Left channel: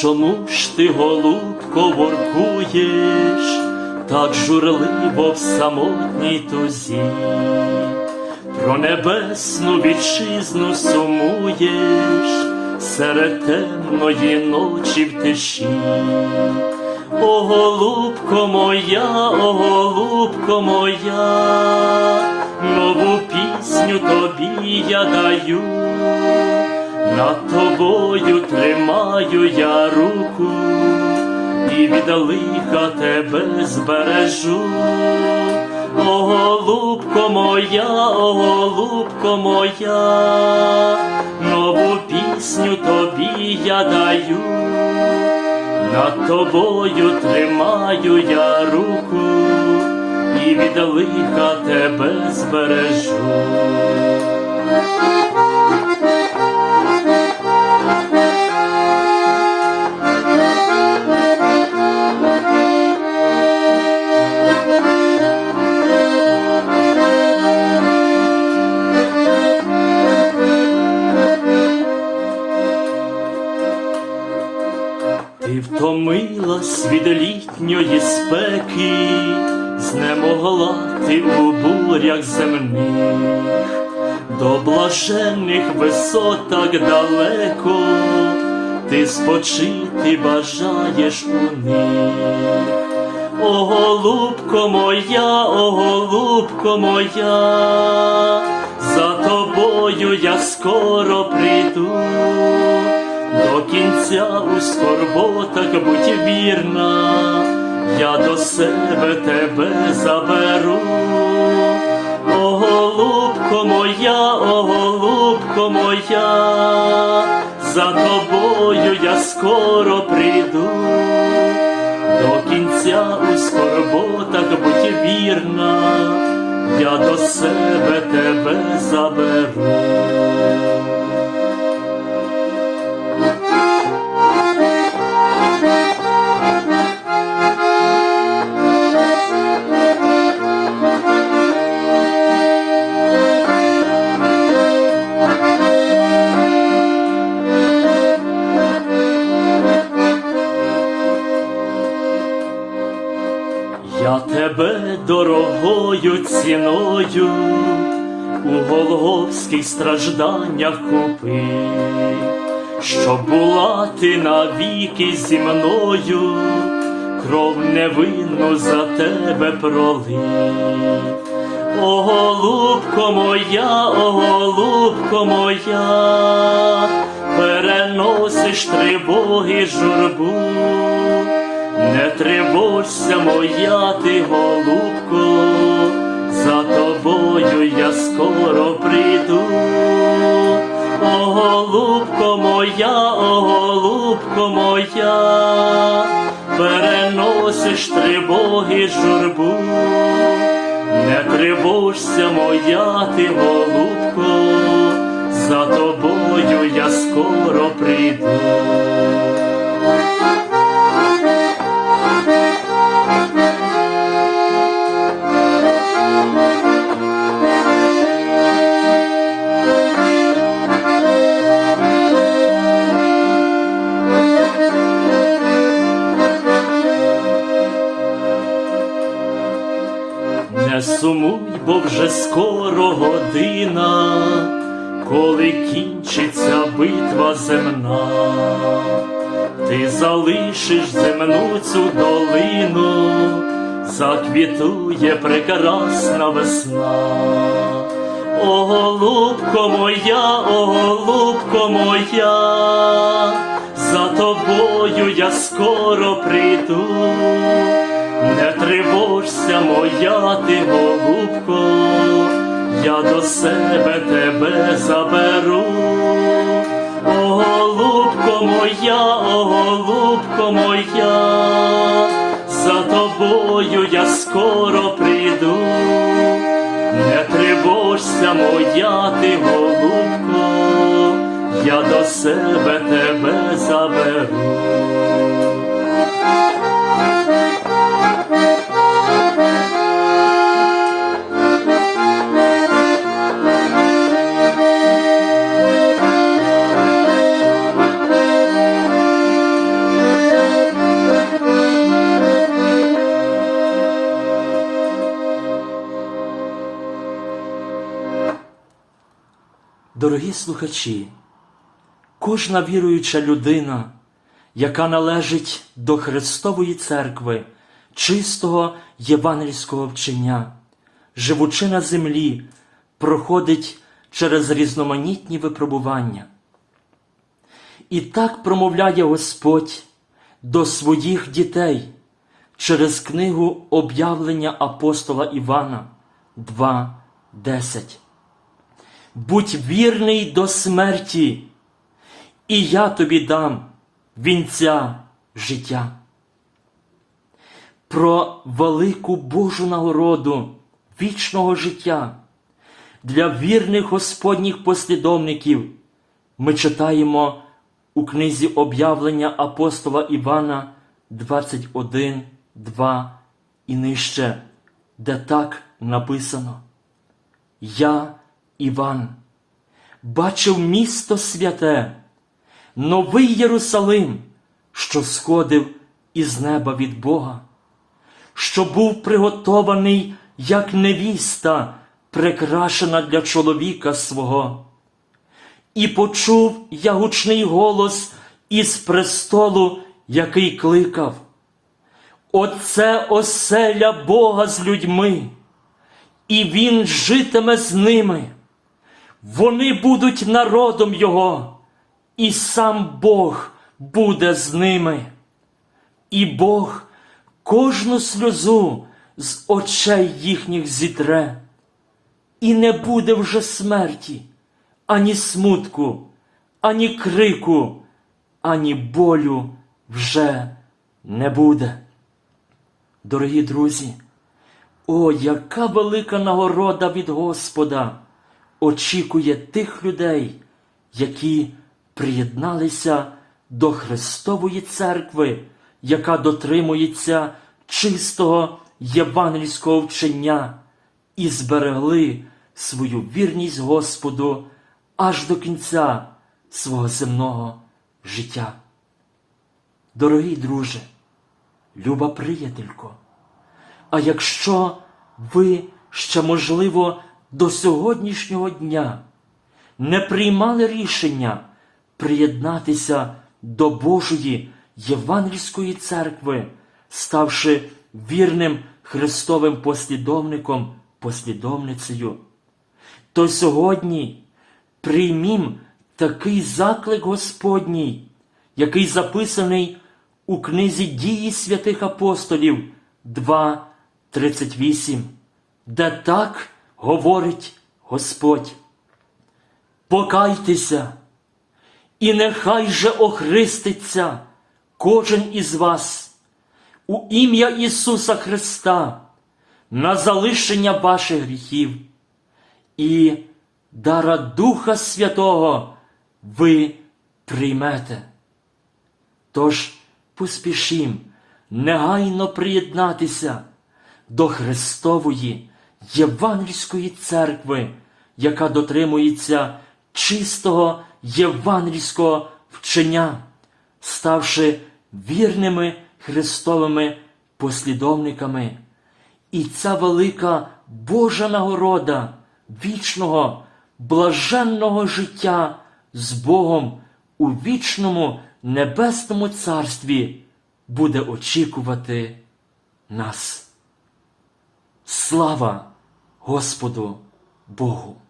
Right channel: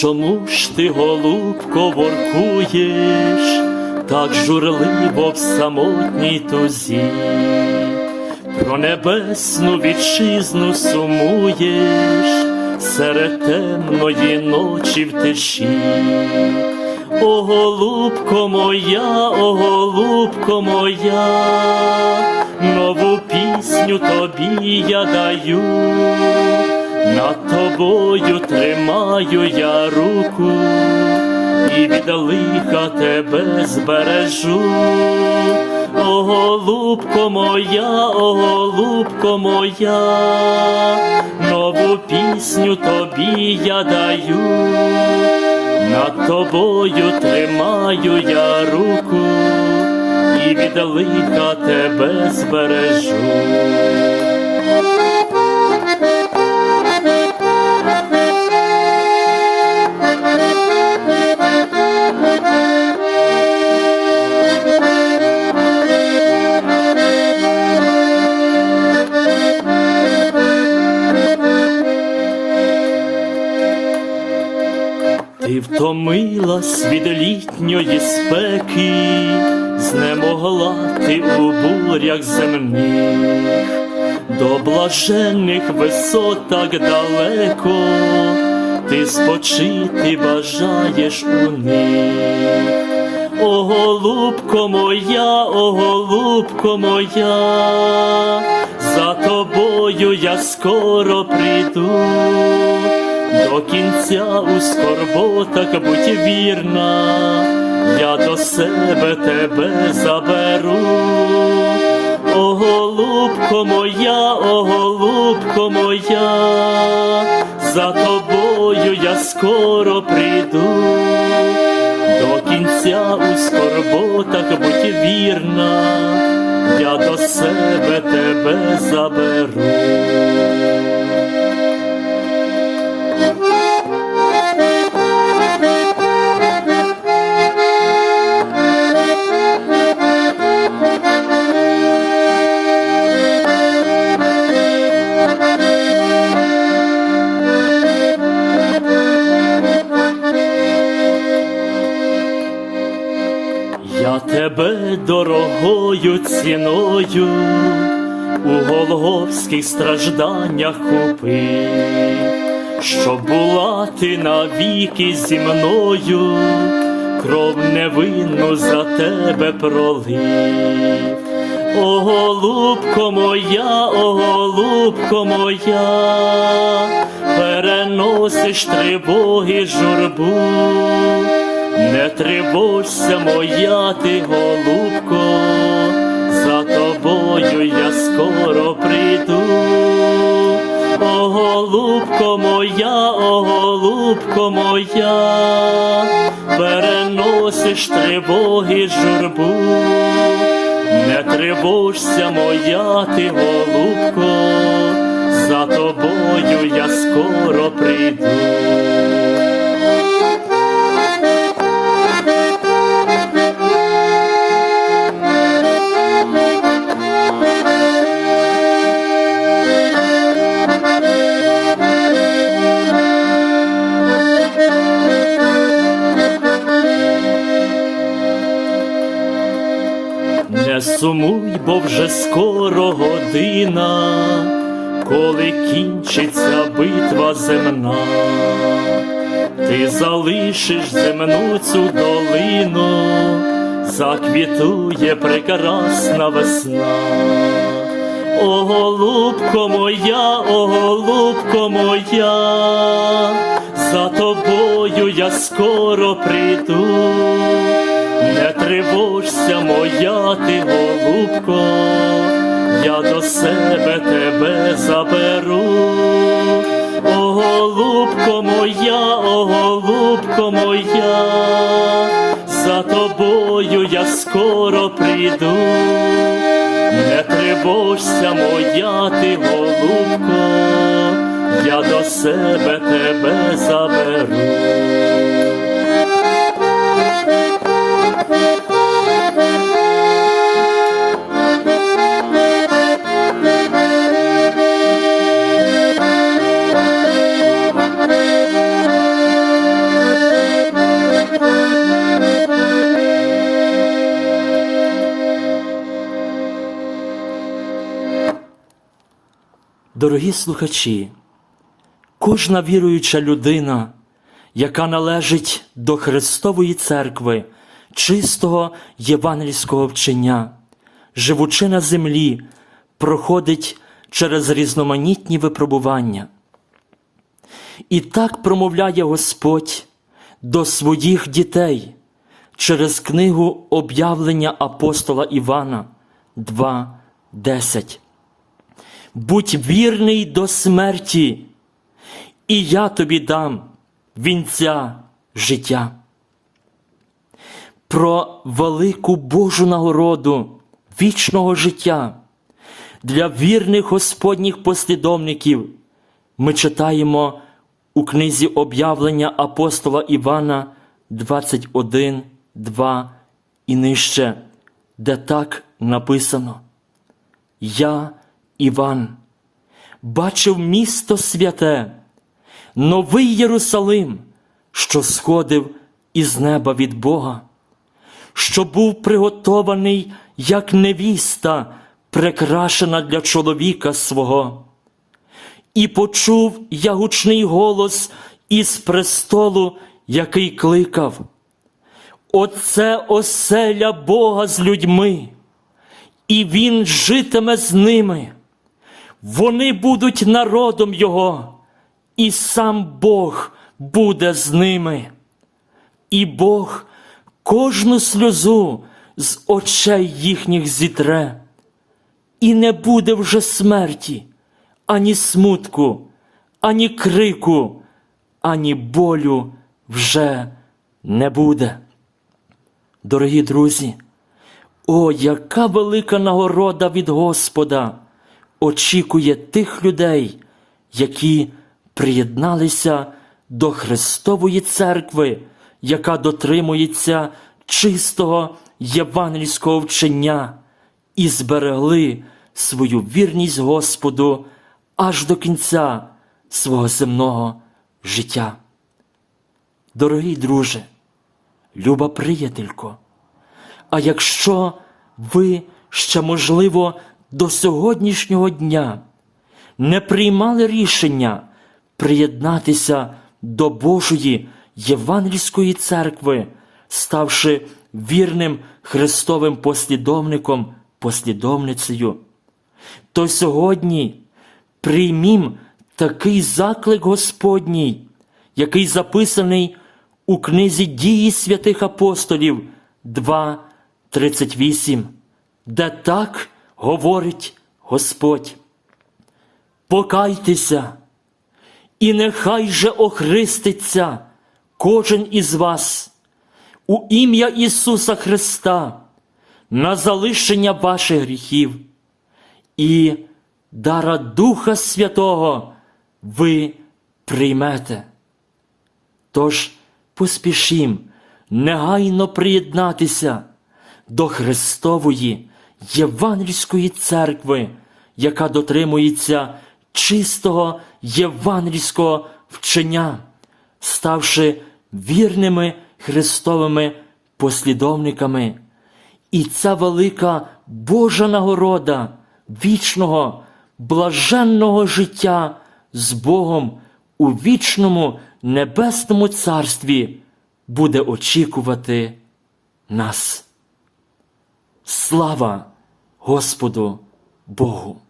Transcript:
Чому ж ти, голубко, воркуєш, так журливо в самотній тузі, про небесну вітчизну сумуєш серед темної ночі в тиші. О, голубко моя, о, голубко моя, нову пісню тобі я даю. Над тобою тримаю я руку і від лиха тебе збережу. О, голубко моя, о, голубко моя, нову пісню тобі я даю, над тобою тримаю я руку і від лиха тебе збережу. Спеки, знемогла ти у бурях земних, до блаженних висот так далеко, ти спочити бажаєш у них. О, голубко моя, о, голубко моя, за тобою я скоро прийду. До кінця у скорботах будь вірна, я до себе тебе заберу. О, голубко моя, о, голубко моя, за тобою я скоро прийду. До кінця у скорботах будь вірна, я до себе тебе заберу. Я тебе дорогою ціною у голговських стражданнях купив, щоб була ти навіки зі мною, кров невинну за тебе пролив. О, голубко моя, о, голубко моя, переносиш тривоги журбу. Не тривожся, моя ти голубко, за тобою я скоро прийду. О, голубко моя, о, голубко моя, переносиш тривоги журбу. Не тривожся, моя ти голубко, сумуй, бо вже скоро година, коли кінчиться битва земна, ти залишиш земну цю долину, заквітує прекрасна весна. О, голубко моя, о, голубко моя, за тобою я скоро прийду. Не тривожся, моя ти голубко, я до себе тебе заберу, О, голубко моя, о, голубко моя, за тобою я скоро прийду, не тривожся, моя ти голубко, я до себе тебе заберу. Дорогі слухачі, кожна віруюча людина, яка належить до Христової церкви, чистого євангельського вчення, живучи на землі, проходить через різноманітні випробування. І так промовляє Господь до своїх дітей через книгу об'явлення апостола Івана 2.10 будь вірний до смерті, і я тобі дам вінця життя. Про велику Божу нагороду вічного життя для вірних Господніх послідовників ми читаємо у книзі об'явлення апостола Івана 21, 2 і нижче, де так написано. Я Іван бачив місто святе, новий Єрусалим, що сходив із неба від Бога, що був приготований, як невіста, прикрашена для чоловіка свого. І почув я гучний голос із престолу, який кликав. Оце оселя Бога з людьми, і Він житиме з ними. Вони будуть народом Його, і сам Бог буде з ними. І Бог кожну сльозу з очей їхніх зітре, і не буде вже смерті, ані смутку, ані крику, ані болю вже не буде. Дорогі друзі, о, яка велика нагорода від Господа! Очікує тих людей, які приєдналися до Христової церкви, яка дотримується чистого євангельського вчення і зберегли свою вірність Господу аж до кінця свого земного життя. Дорогий друже, люба приятелько, а якщо ви ще, можливо, до сьогоднішнього дня. Не приймали рішення приєднатися до Божої Євангельської церкви, ставши вірним Христовим послідовником, послідовницею, то сьогодні приймім такий заклик Господній, який записаний у книзі дії святих апостолів 2.38, де так говорить Господь. Покайтеся, і нехай же охриститься кожен із вас у ім'я Ісуса Христа на залишення ваших гріхів, і дара Духа Святого ви приймете. Тож поспішім негайно приєднатися до Христової Євангельської церкви, яка дотримується чистого євангельського вчення, ставши вірними Христовими послідовниками. І ця велика Божа нагорода вічного, блаженного життя з Богом у вічному небесному царстві буде очікувати нас. Слава Господу Богу!